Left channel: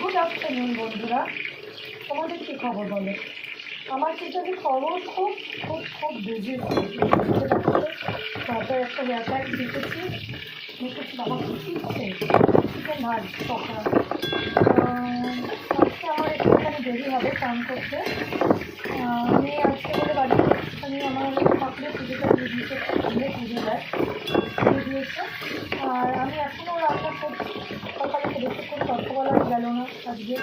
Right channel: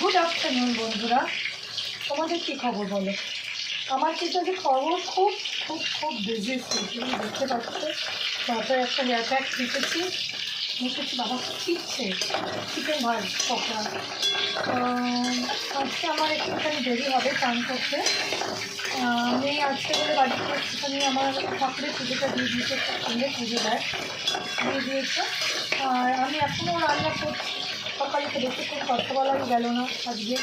Good afternoon বন্ধুরা, তোমাদের কী খবর বলো? আমার কিন্তু আজকে খবর খুব খুব খুব বিজি। দেখতে পাচ্ছ মাথায় একটা ব্যাগ দিতেছি, মুখেছি বাবা চিচ্ছে চিকেন ভাজ পকোড়া। আজকে আমার একটুখানি দেরি হবে চান করতে। আমি আজকে বলে বাড়িতে একটুখানি আমার ঠাকুরের পুজোটা দিয়ে দিয়েছে, সামনে পুজো দেয় দিয়ে দিয়েছে। আর আমি এখনও রান্না করছি। সকালে তো বেশি করে কথা বলাই গেল না আজকে,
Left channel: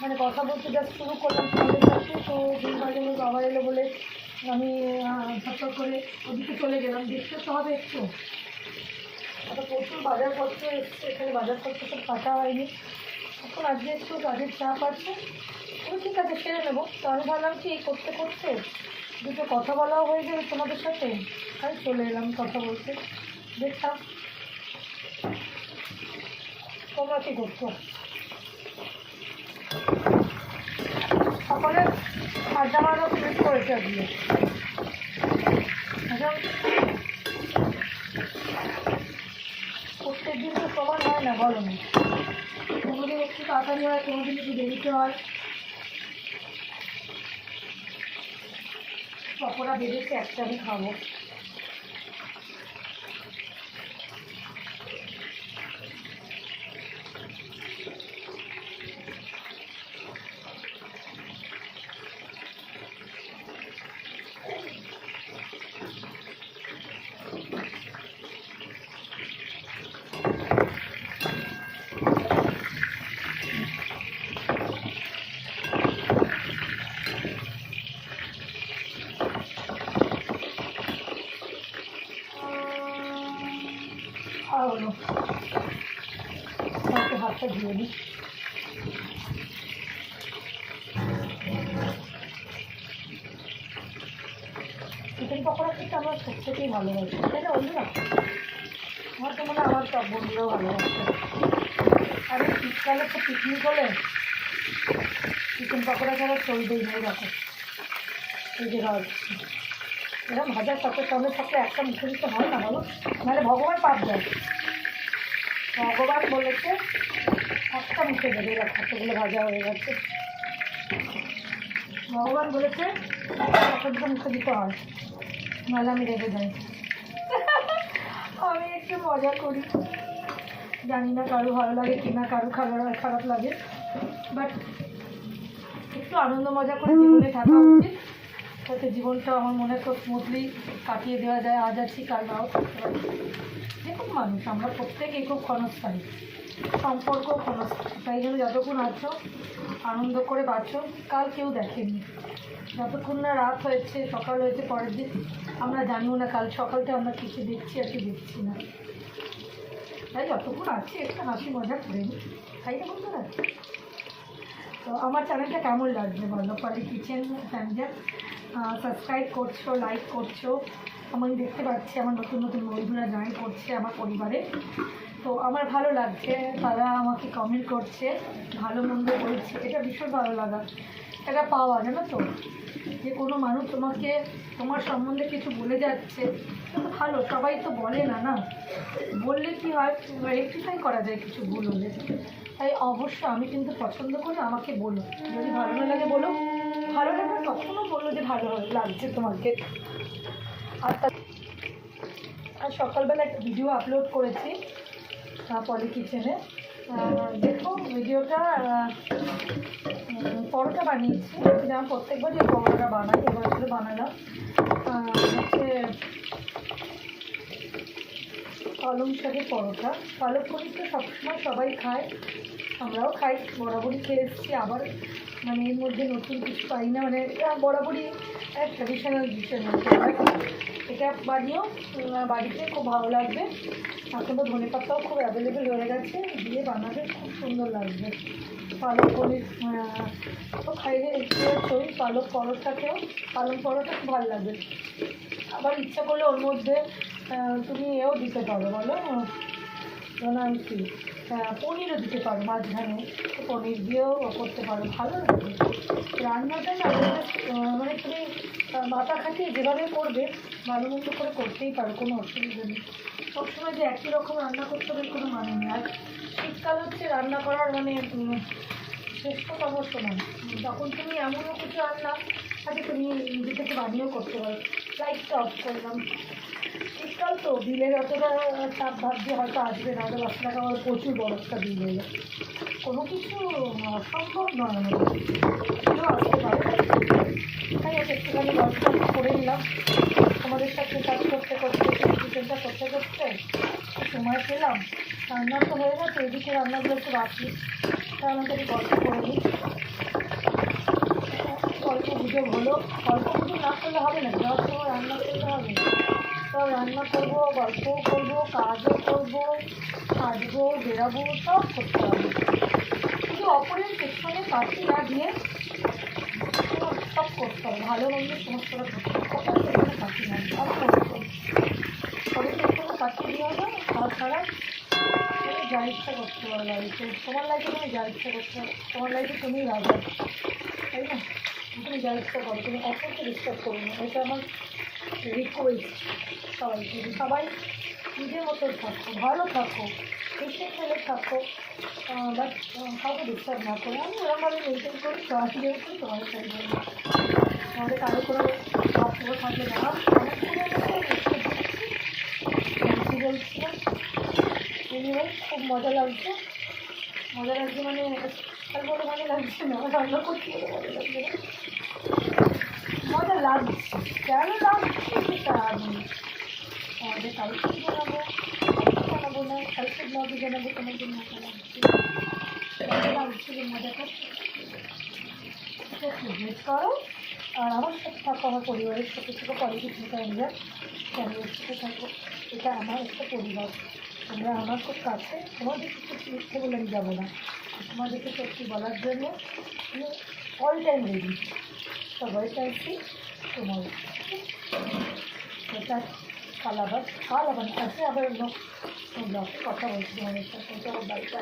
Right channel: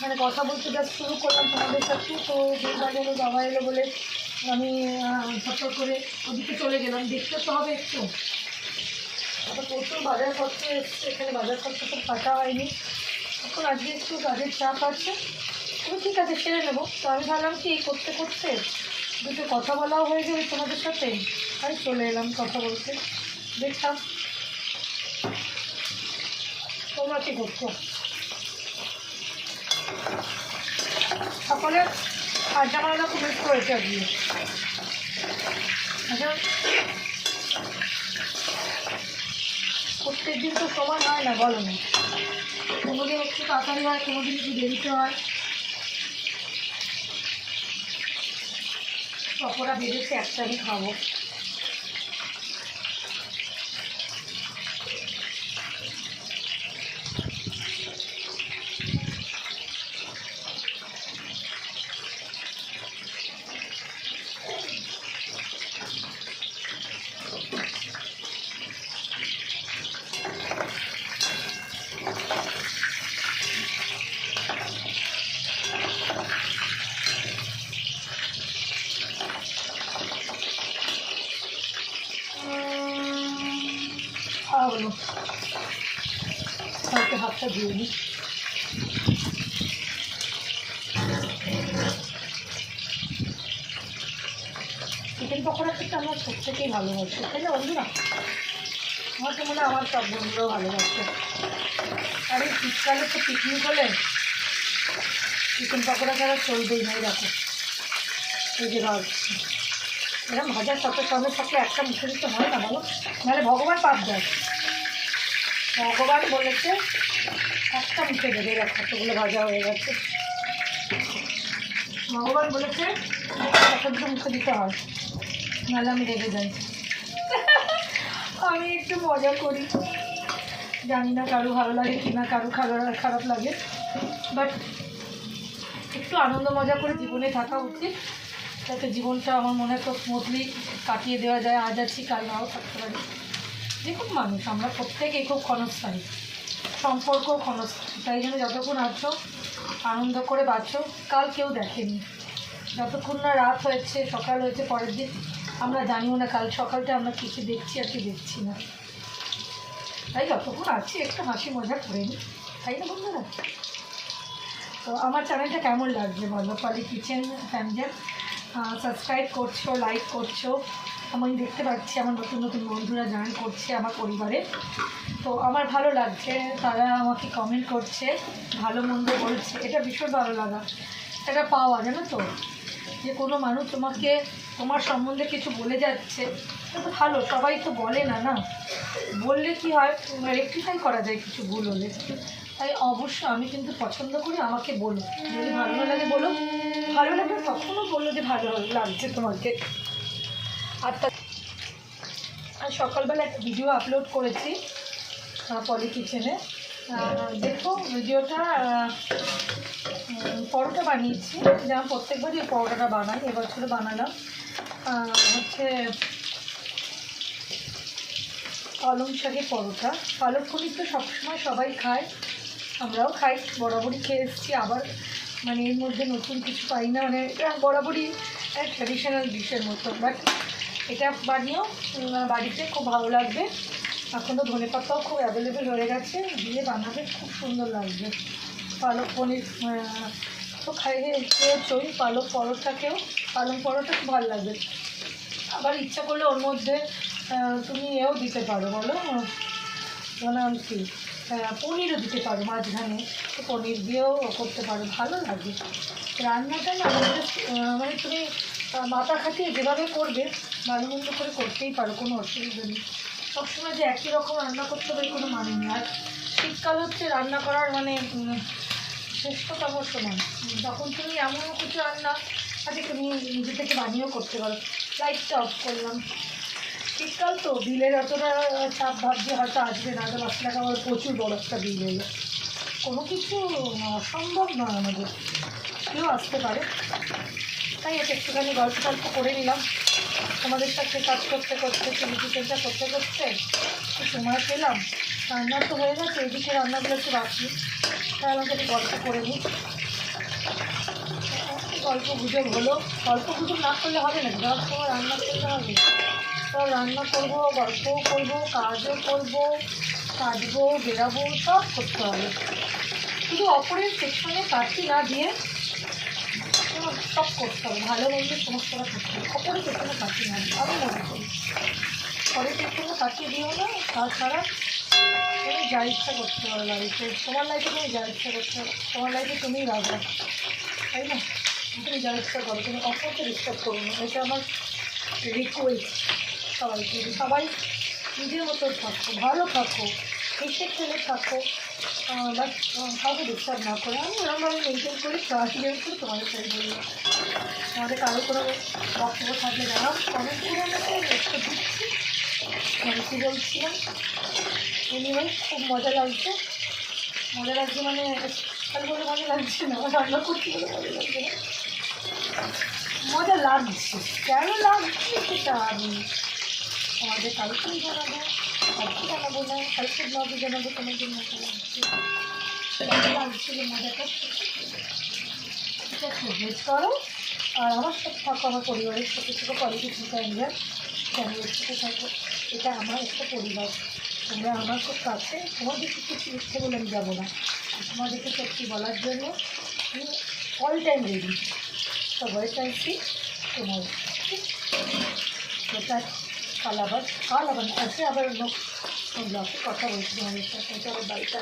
মানে কথা বলতে যা শুরু করলাম তোমাদের সাথে, তো দুর্গা গেলো বাবা এলো বলে আমি ঝটপট করে ওদিকে চলে গেলাম। দেখতে তো হবে একটু, আবার প্রচুর বাজারপত্র এসছে, এখানে বাজারপত্র তো কাটা হয়নি। এখন আজকে একটু কাজের চাপ আছে, তবে ঠিক আছে সেরে নেবো। তো আমি ভাবলাম কি করতে করতে দুটো কথা বলাও হয়ে যাবে তোমাদের সাথে, তাই চলে এলাম কথা বলতে। দেখতাম তোমরা কী করছো। সকলে আড্ডা মারানো খুব বেশি করেছে আজকে। আচ্ছা, প্রত্যেক দিন তো সমান হয় না, বলো না। কোনোদিন একটু তাড়াতাড়ি হয়, কোনোদিন একটু দেরিতে হয়। পকোড়া বেড়েছে, একটা আমি খাবো। খাওয়া হলো, কালকে হাতটা ধুয়ে নিই। চিকেন পকোড়া খেতে আমরা প্রত্যেকেই ভালোবাসি, তাই না বন্ধুরা? আমার তো মনে হয় আমার সব বন্ধুরাও ভালোবাসে। আর এই শীতকালে তো পিকনিক হলে চিকেন পকোড়া ছাড়া চলবেই না। দেখো এই যে ভাজছি, এরকম ভাজার সাথে সঙ্গে থাকলে একটা মুখে দিতে হয় না বলো, নাহলে ভগবান পাপ দেয়। ভগবান বলেছে একটা মুখে দেবে, কতগুলো ভাজা হয়ে গেছে। ভগবান বলেছে একটা দুটো মুখে দিতে হয়, নাহলে আমি রেগে যাই। আমি একটু মজা করি, জানি না কারো ভালো লাগে কি না, কারো খারাপ লাগে, বাট একটু আনন্দ মজা করে জীবনে থাকা উচিত, তাতে জীবনটা আমার মনে হয় খুব স্মুথলি কাটিয়ে দেওয়া যায়। আজ আছি কাল নাও থাকতে পারি। দেখুন মানুষ আমরা প্রত্যেকেই খুব ক্ষণস্থায়ী, সম্পর্ক ক্ষণস্থায়ী, তাই জন্য যতক্ষণ আছো আনন্দ করে বাঁচো। কাল কেউ দেখেনি, যতক্ষণ না রাত হয়েছে সকাল হয়েছে পরের দিন আমরা জানিও না কাল সকালটা আমরা কিছু দেখছি আর কি দেখছি না। তাই যতক্ষণ আছি একটু হাসি মজা করে নিই, তাই না বন্ধুরা? তো আমার চ্যানেলটা কেমন লাগছে বলো, পলি কিচেন ফ্যামিলি। সাবস্ক্রাইব করছো, লাইক করছো, আমি দেখতে পাচ্ছি আমার নতুন নতুন বন্ধুরা জয়েন করছে আমার পরিবারে। তো আমার ভালো লাগছে, তারা আমাকে কমেন্ট করছে, ভালো মন্দ বলছে, এটা ভীষণ ভালো লাগা, এটা পাওয়া জানো তো, যে কোনো মানুষ তোমাকে তোমার সম্বন্ধে কিছু বলে যাচ্ছে, ভালো। সবাই তো বলে না, না বললে কি হয়, রেকটিফাই করা যায় কিছু ভুল হলে। তাই অবশ্য আমি কিন্তু পছন্দ করি, আমাকে বলো, যদি ভালো না লাগে বলো, ভালো লাগে তখনও বললো যে ভালো লাগছে তোমাকে। আর সকালবেলা একটা ভিডিও আপলোড করেছি পলি কিচেনে, দেখো ভিডিওটা। পরোটা বানিয়েছি, যেমন প্রত্যেকবারই পরোটাটা বানাই, এবছরে বানালাম হচ্ছে পালং শাকের পরোটা। পালক পনির তো সবসময় সবাই খায়, আমরাও খাই, বরাবরই খেয়ে এসেছি। আবার মানে এর মধ্যে নতুন কিছু পাই না, মানে বরাবরই ট্র্যাডিশনাল ডিশের মধ্যে আমরা এটা বানিয়েও বাড়িতে খুব ভালো লাগবে। এখন তো ধনে পাতাও খুব অ্যাভেলেবেল হয়ে গেছে, দিয়ে বানাবে খুব সুন্দর লাগবে। পালক পনির তো খাইয়ে চই, পালক পরোটাকেও, পালং পরোটা খুব ভালো লাগবে। আবার ইচ্ছা করলে ওর মধ্যে তুমি এও দিতে পারো, বলো নাম কি, পনিরও দিতে পারো মাঝখানে, পনির দিয়েও করতে পারো, ভালো লাগে রান্নাটা না। মানে তুমি মাথা খাটিয়ে যেভাবে করবে ভালো মন্দ করে করতেই পারো, কোনো অসুবিধা নেই। সবসময় যে একই রকম রান্না করতে হবে কোনো মানে নেই। আর শীতকাল হচ্ছে রান্না করার মানে শ্রেষ্ঠতম সময়, তখন তুমি এমনও কিছু রান্না আজকে তুমি নিজে থেকে বানিয়েও করতে পারো। লাইটটা অফ করলাম, শীতকাল তো বিলের অতটা চাপ ভাবছি হয়তো আসবে না, তো 10 টাকা আমার প্রচুর বড় একটা বিল হলো। কোনো কিছু অসম্ভব নয় আমাদের, কেউ আসতে পারে। তাই এটা একটুখানি গল্প করে নিলাম তোমাদের সাথে কাজ করতে করতে, কিচেনটা করতে করতে সময় পেলাম। রান্না তো হয়ে গেছে, এদিকে রান্নাগুলো একটু রাখি, তাই আমাকে একটু গল্প করে নিই। গল্প গুজব হলো, গল্প গুজব না করলে হবে না, সব সময় রান্না করতে হবে। সব রান্না করবো, গল্পও করবো, কাজও করবো, কাজবো, বেরাবো, সব করতে হবে। শুধু অপরের পেছনে কাটি না দিয়ে সব করতে হবে, ভালো মন্দ সমস্তটা করতে হবে। অপরের পেছনে কাটি না, আমি মনে করি অপরের পেছনে কাটি দিও না। তাছাড়া তুমি যা ইচ্ছা করতে পারো লাইফে, তোমার লাইফে তুমি যা ইচ্ছা করতে পারো, তোমার লাইফে তুমিই রাজা, তাই না? তুমি যা ইচ্ছা করো, তুমি অপরকে ডিস্টার্ব করো না, এটা আমার রিকোয়েস্ট সবাইকে। সবাই নিজের মতো থাকো, ভালো থাকো, হেসে খেলে থাকো, বাট কাউকে ডিস্টার্ব না করে। আমি ওরকমভাবে মেনটেন করি, সাহায্য করি তোমাদের সাথে বলবো। আমাদের কারো কোনো বক্তব্য থাকলে না, অনেক কী বলছিলাম, এনিওয়ে খুব মজা লাগছে। মজা লাগছে মানে আর বলে মজা লাগছে না, রান্না করতে বলে মজা লাগছে না, মজা লাগছে। কেন লাগছে সেটা আমি আমাদের কালকেই জানাবো, কালকে জানাবো না, কালকে ব্লগে জানাবো তোমাদের মজা লাগছে। মজা লাগছিল, মজাটা এটা ফেভারিট করো। আর আমার সাথে থাকো, আমার পরিবারের সাথে থেকে পলিটিক্যাল ইন্ডিয়া চ্যানেলের সাথে থাকো। এটা আমার একটা পরিবার, তোমরা আমার খুব কাছে। তোমাদেরকে কিছু ইচ্ছে বলে আমি যাবো না, তোমাদেরকে সত্যি বলার জন্য আমি অল টাইম রেডি। সবাই চাইছি তোমার সেটা কাল আবার আছে, আবার অন্য ব্লগে কথা বলছি তোমাদের সাথে। চলো বাড়িটা